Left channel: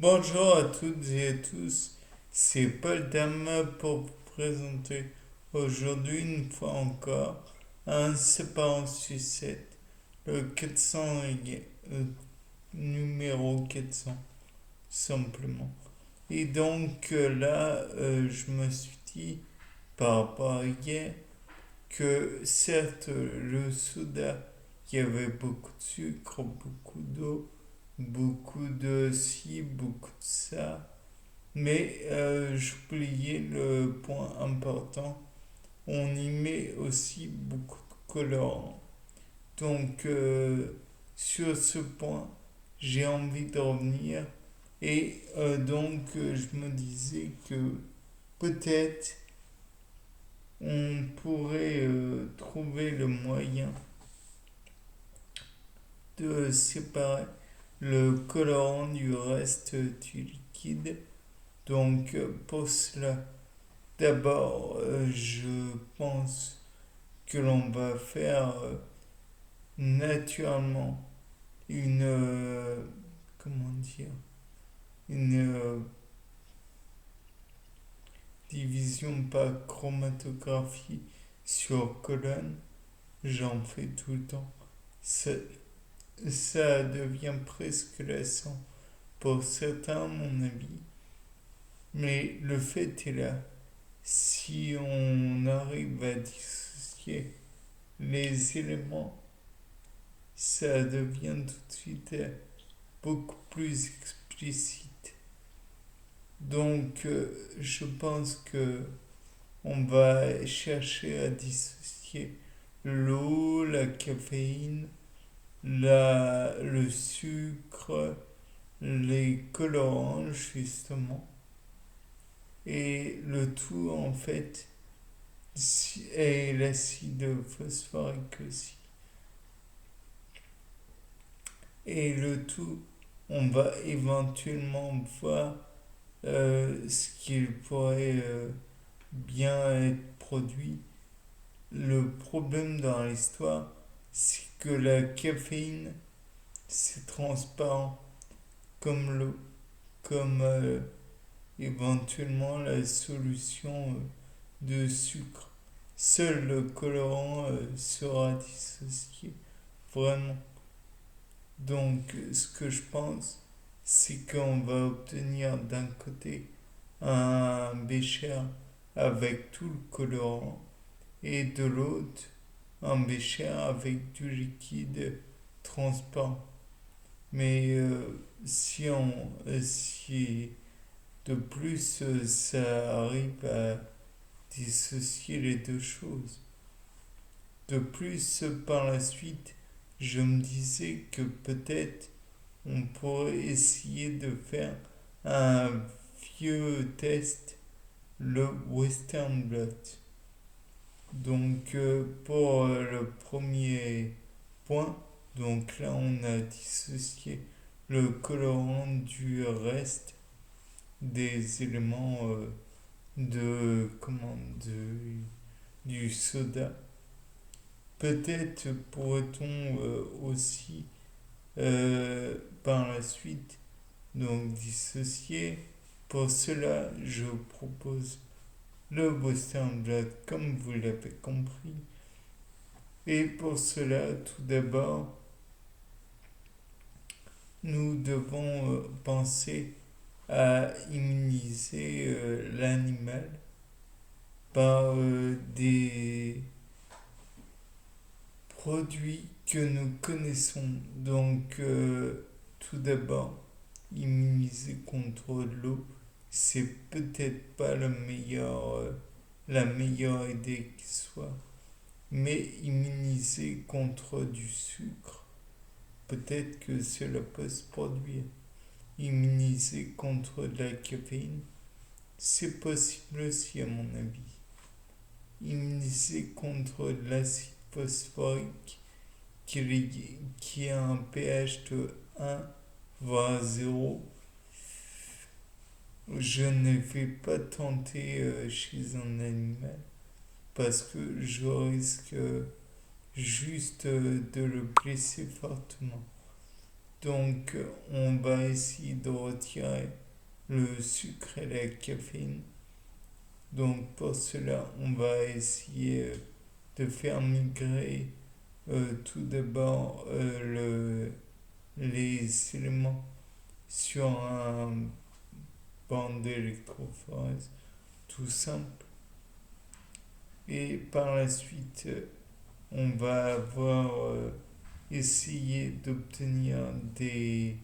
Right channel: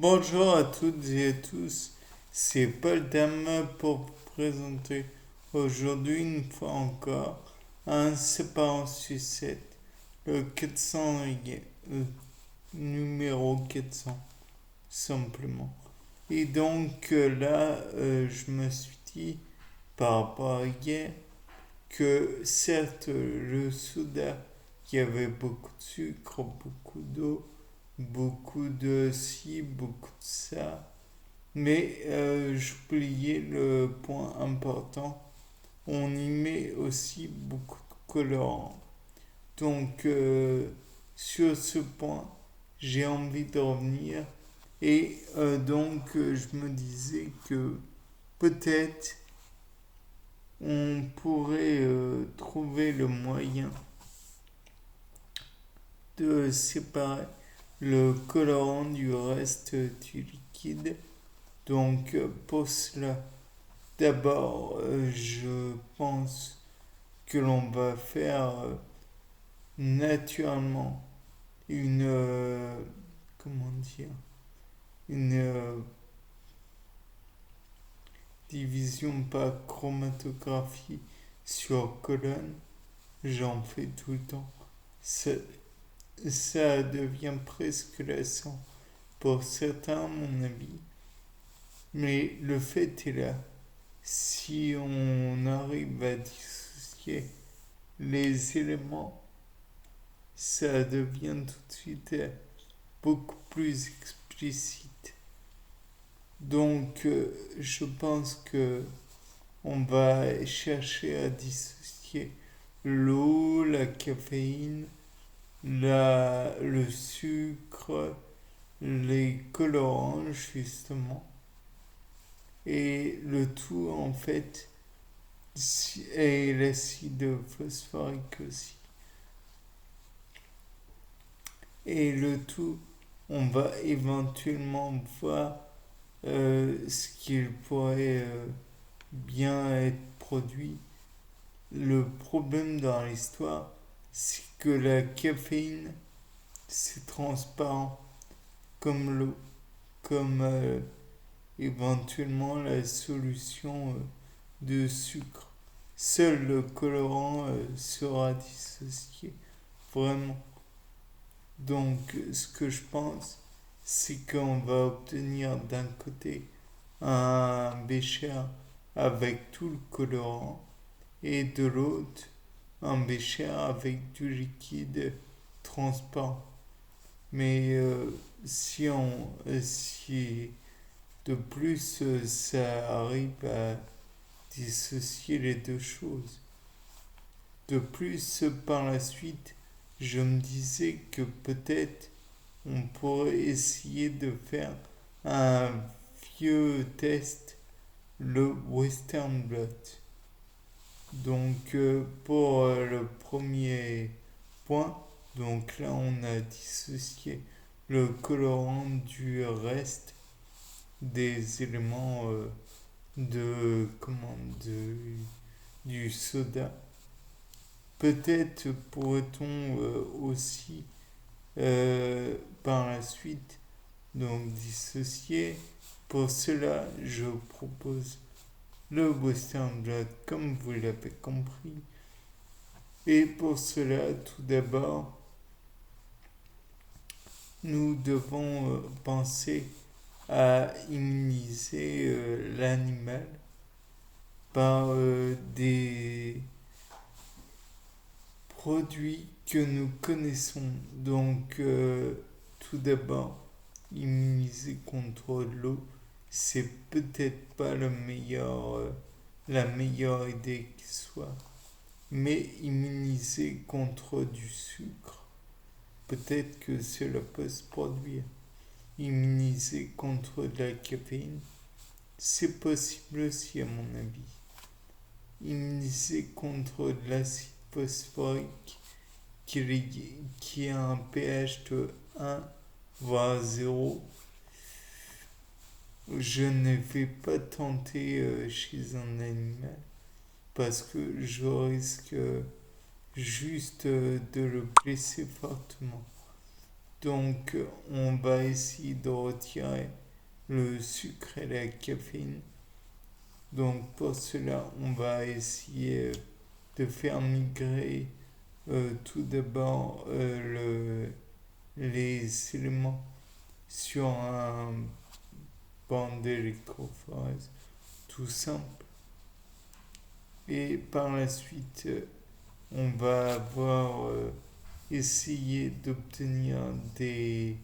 Bonjour à toutes et à tous, c'est Paul Dame pour vous présenter aujourd'hui une fois encore un séparant sucette, le 400, le numéro 400 simplement. Et donc je me suis dit par rapport à hier que certes le soda, il y avait beaucoup de sucre, beaucoup d'eau, beaucoup de ci, beaucoup de ça. Mais j'oubliais le point important, on y met aussi beaucoup de colorants. Donc sur ce point, j'ai envie de revenir. Et je me disais que peut-être on pourrait trouver le moyen de séparer le colorant du reste du liquide. Donc pour cela, d'abord, je pense que l'on va faire naturellement une, comment dire, une division par chromatographie sur colonne. J'en fais tout le temps. Ça, ça devient presque lassant pour certains, à mon avis. Mais le fait est là. Si on arrive à dissocier les éléments, ça devient tout de suite beaucoup plus explicite. Donc, je pense que on va chercher à dissocier l'eau, la caféine, le sucre, les colorants, justement. Et le tout, en fait, et l'acide phosphorique aussi. Et le tout, on va éventuellement voir ce qu'il pourrait bien être produit. Le problème dans l'histoire, c'est que la caféine, c'est transparent comme l'eau, comme éventuellement la solution de sucre. Seul le colorant sera dissocié, vraiment. Donc, ce que je pense, c'est qu'on va obtenir d'un côté un bécher avec tout le colorant et de l'autre un bécher avec du liquide transparent. Mais si de plus ça arrive à dissocier les deux choses. De plus, par la suite, je me disais que peut-être on pourrait essayer de faire un vieux test, le Western Blot. Donc pour le premier point, donc là on a dissocié le colorant du reste des éléments du soda. Peut-être pourrait-on aussi par la suite donc dissocier. Pour cela, je propose le Western Blot comme vous l'avez compris. Et pour cela, tout d'abord, nous devons penser à immuniser l'animal par des produits que nous connaissons. Donc, tout d'abord, immuniser contre l'eau, c'est peut-être pas la meilleure idée qui soit. Mais immuniser contre du sucre, peut-être que cela peut se produire. Immuniser contre de la caféine, c'est possible aussi à mon avis. Immuniser contre de l'acide phosphorique qui a un pH de 1 voire 0, je ne vais pas tenter chez un animal parce que je risque juste de le blesser fortement. Donc, on va essayer de retirer le sucre et la caféine. Donc, pour cela, on va essayer de faire migrer tout d'abord les éléments sur un banc d'électrophorèse tout simple. Et par la suite, on va avoir essayé d'obtenir des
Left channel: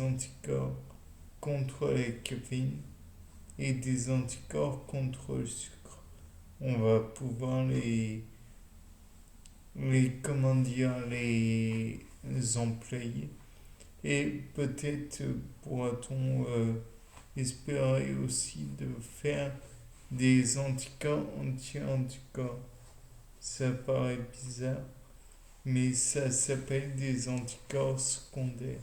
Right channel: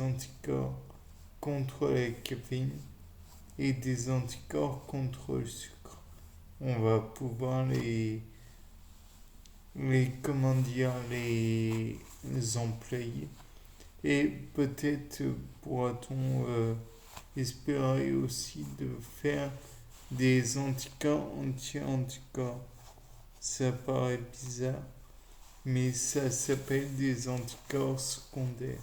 anticorps contre la caféine et des anticorps contre le sucre. On va pouvoir les employer. Et peut-être pourra-t-on espérer aussi de faire des anticorps anti-anticorps. Ça paraît bizarre, mais ça s'appelle des anticorps secondaires.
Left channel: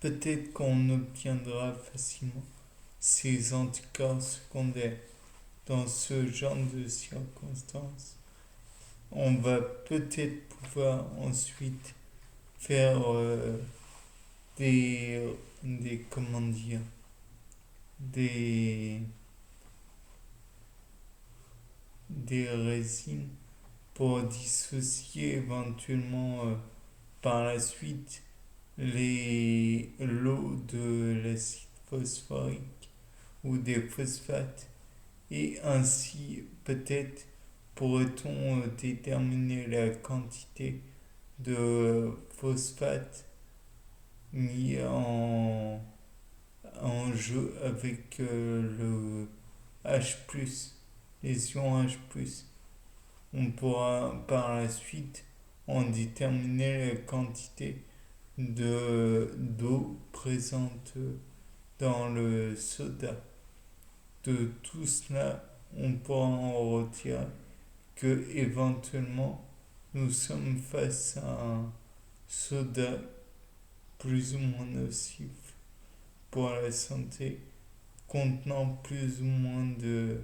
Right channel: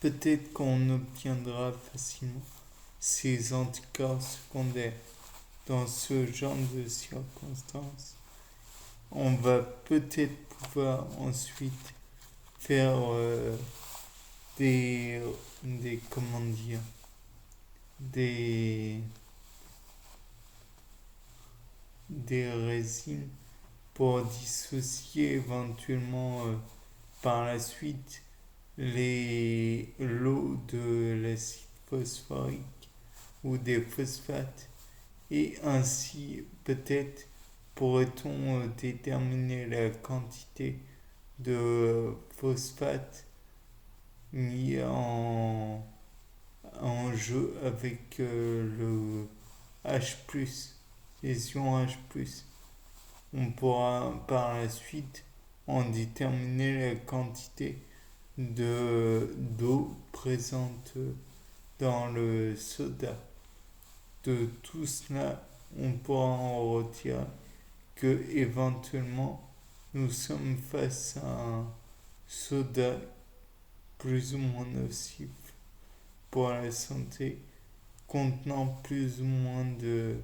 Peut-être qu'on obtiendra facilement ces anticorps secondaires dans ce genre de circonstances. On va peut-être pouvoir ensuite faire des, des, comment dire, des, des résines pour dissocier éventuellement par la suite l'eau de l'acide phosphorique ou des phosphates et ainsi peut-être pourrait-on déterminer la quantité de phosphate mis en jeu avec le H+, les ions H+. On pourra par la suite en déterminer la quantité d'eau présente dans le soda. De tout cela, on pourra en retirer que éventuellement nous sommes face à un soda plus ou moins nocif pour la santé, contenant plus ou moins de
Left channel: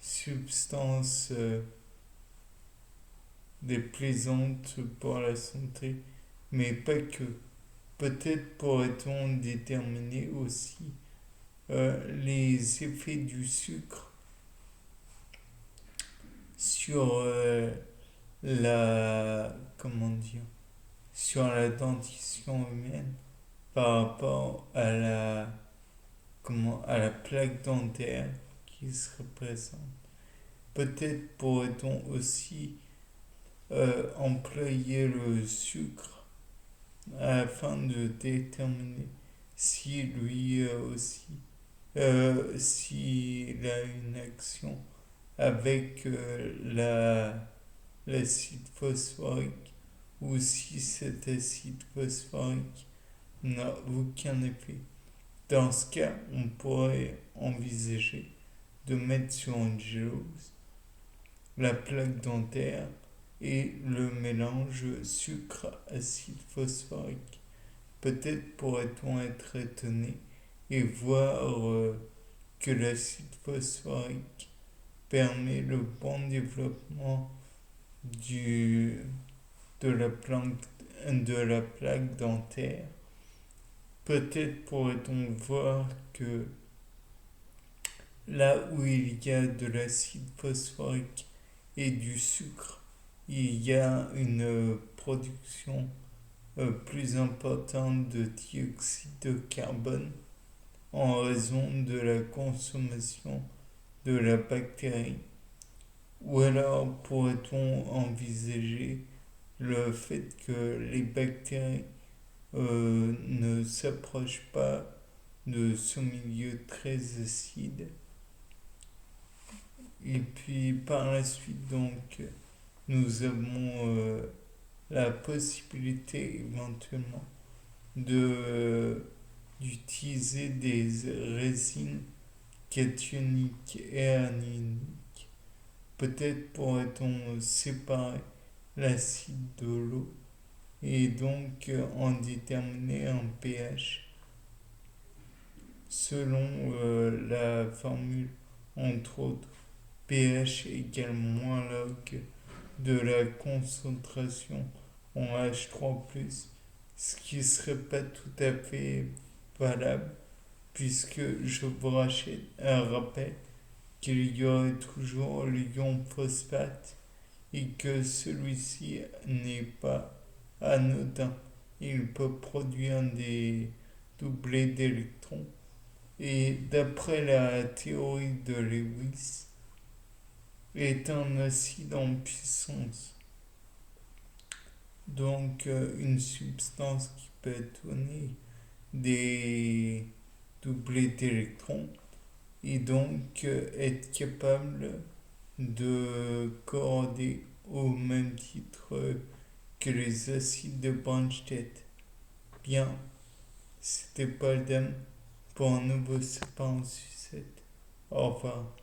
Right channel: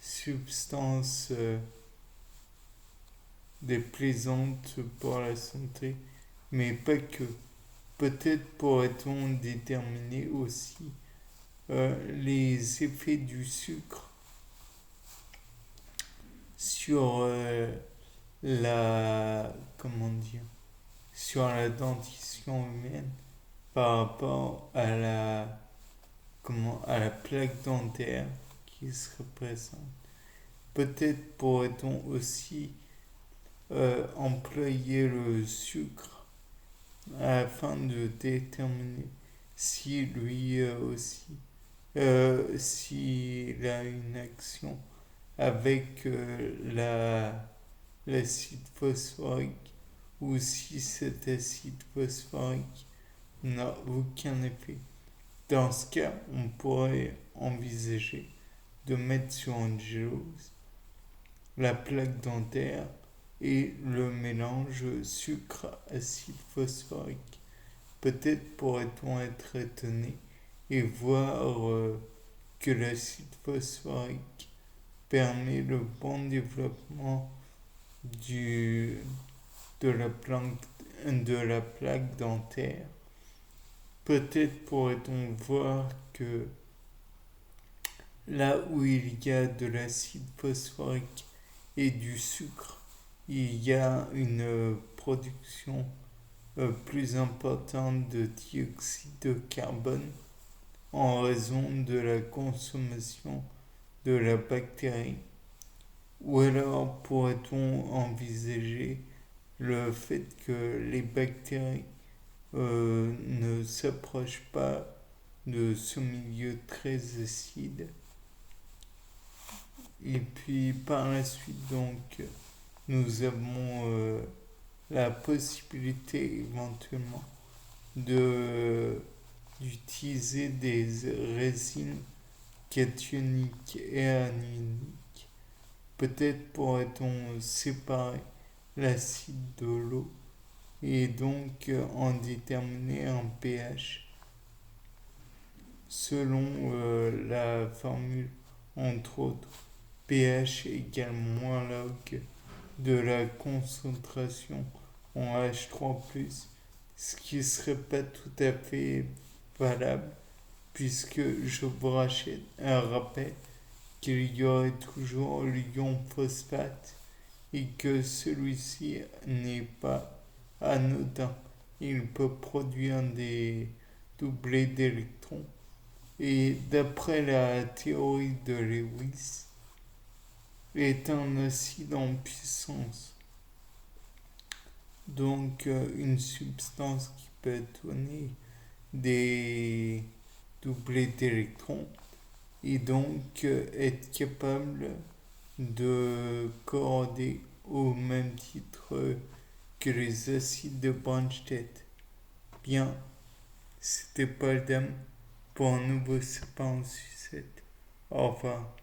substances déplaisantes pour la santé, mais pas que. Peut-être pourrait-on déterminer aussi les effets du sucre sur la comment dire sur la dentition humaine par rapport à la plaque dentaire qui se représente. Peut-être pourrait-on aussi employer le sucre afin de déterminer si lui aussi s'il a une action avec l'acide phosphorique ou si cet acide phosphorique n'a aucun effet. Dans ce cas, on pourrait envisager de mettre sur une gélose la plaque dentaire et le mélange sucre-acide phosphorique. Peut-être pourrait-on être étonné et voir que l'acide phosphorique permet le bon développement du, de la plaque dentaire. Peut-être pourrait-on voir que là où il y a de l'acide phosphorique et du sucre, il y a une production plus importante de dioxyde de carbone en raison de la consommation de la bactérie. Ou alors pourrait-on envisager le fait que les bactéries ne s'approchent pas de ce milieu très acide. Et puis par la suite, donc, nous avons la possibilité éventuellement d'utiliser des résines cationiques et anioniques. Peut-être pourrait-on séparer l'acide de l'eau et donc en déterminer un pH selon la formule, entre autres, pH égale moins log de la concentration en H3+, ce qui serait pas tout à fait valable, puisque je vous rappelle qu'il y aurait toujours l'ion phosphate et que celui-ci n'est pas anodin. Il peut produire des doublés d'électrons. Et d'après la théorie de Lewis, est un acide en puissance. Donc une substance qui peut donner des doublés d'électrons et donc être capable de coorder au même titre que les acides de Bronsted. Bien, c'était Paul Dam pour un nouveau sapin en sucette. Au revoir.